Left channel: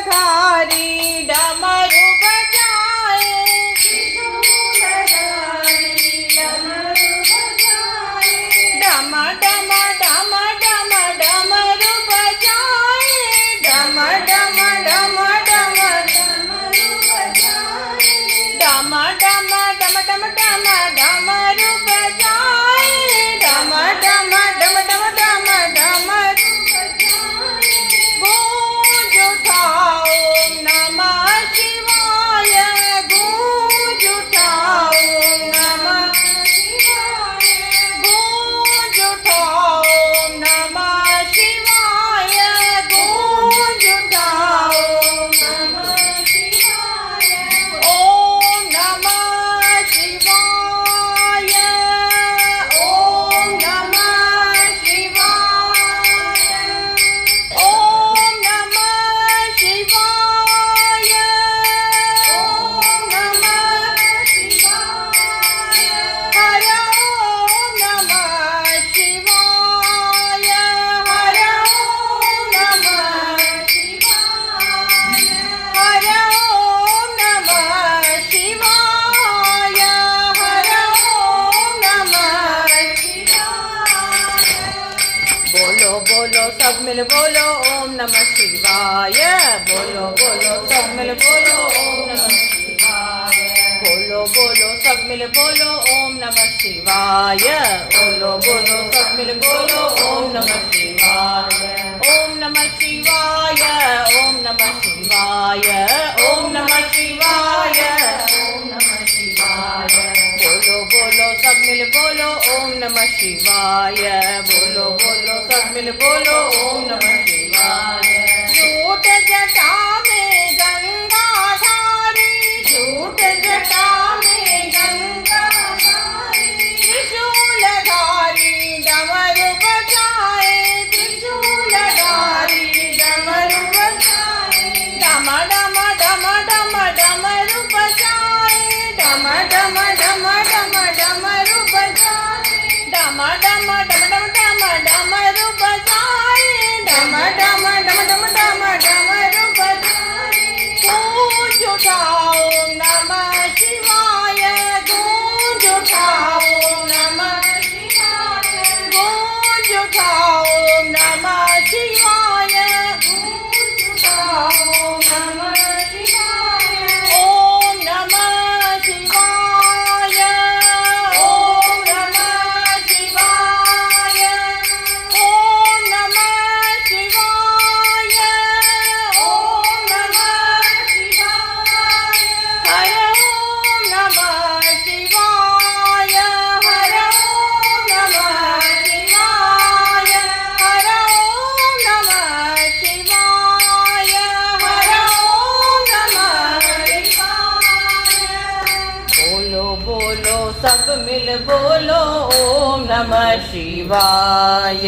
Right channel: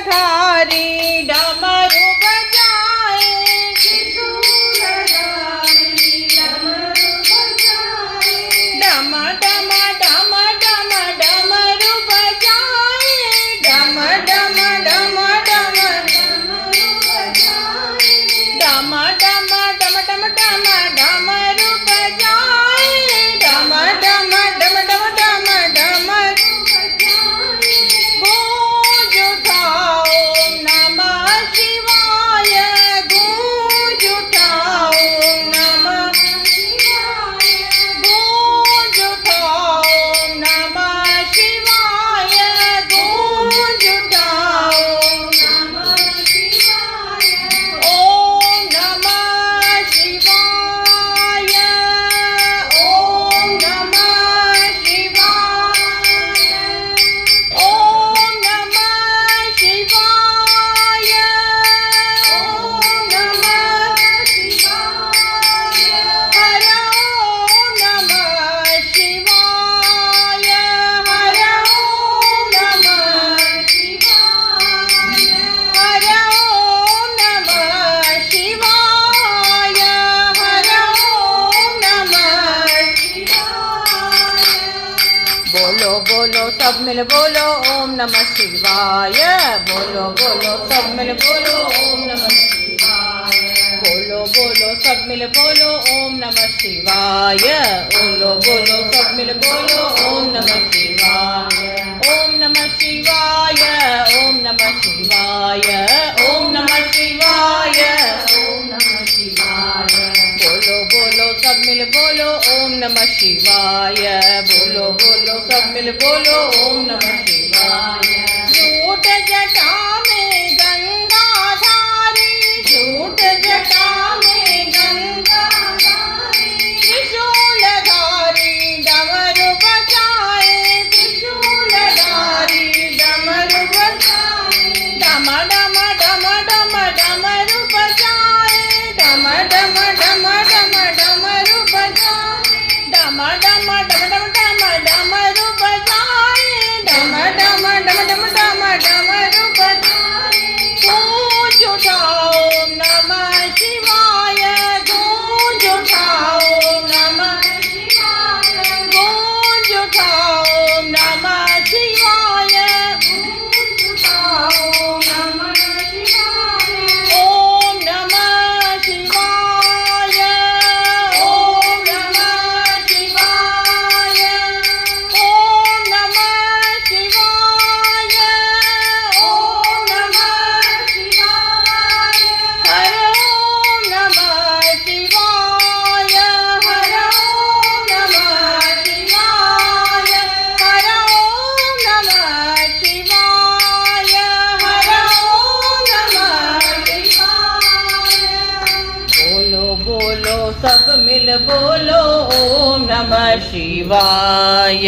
त्रिशूलधारी डमरू बजाए, डम डम डम डम डमरू बजाए, डम डम डम डम डम डम डम डम डम डमरू बजाए, डम डम डम डम डम डमरू गूंज उठा ओम नमः शिवाय, गूंज उठा ओम नमः शिवाय, गूंज उठा ओम नमः शिवाय, गूंज उठा ओम नमः शिवाय, ओम नमः शिवाय, ओम नमः शिवाय, ओम नमः शिवाय, ओम नमः शिवाय, हर ओम नमः शिवाय, हर ओम नमः शिवाय, हर ओम नमः शिवाय, हर ओम नमः शिवाय। बोलो बोलो सब मिल बोलो ओम नमः शिवाय, बोलो बोलो सब मिल बोलो ओम नमः शिवाय, बोलो बोलो सब मिल बोलो ओम नमः शिवाय, बोलो बोलो सब मिल बोलो ओम नमः शिवाय, ओम नमः शिवाय, ओम नमः शिवाय, ओम नमः शिवाय, ओम नमः शिवाय, बोलो बोलो सब मिल बोलो ओम नमः शिवाय, बोलो बोलो सब मिल बोलो ओम नमः शिवाय। झूठ जटा में गंगाधारी, झूठ जटा में गंगाधारी, त्रिशूलधारी डमरू बजाए, त्रिशूलधारी डमरू बजाए, डम डम डम डम डमरू बजाए, डम डम डम डम डमरू बजाए, डम डम डम डम डम डमरू बजाए, डम डम डम डम डम डमरू बजाए, गूंज उठा ओम नमः शिवाय, गूंज उठा ओम नमः शिवाय, गूंज उठा ओम नमः शिवाय, गूंज उठा ओम नमः शिवाय, ओम नमः शिवाय, ओम नमः शिवाय, ओम नमः शिवाय, ओम नमः शिवाय, हर ओम नमः शिवाय, हर ओम नमः शिवाय, हर ओम नमः शिवाय, हर ओम नमः शिवाय। बोलो बोलो सब मिल बोलो ओम नमः शिवाय।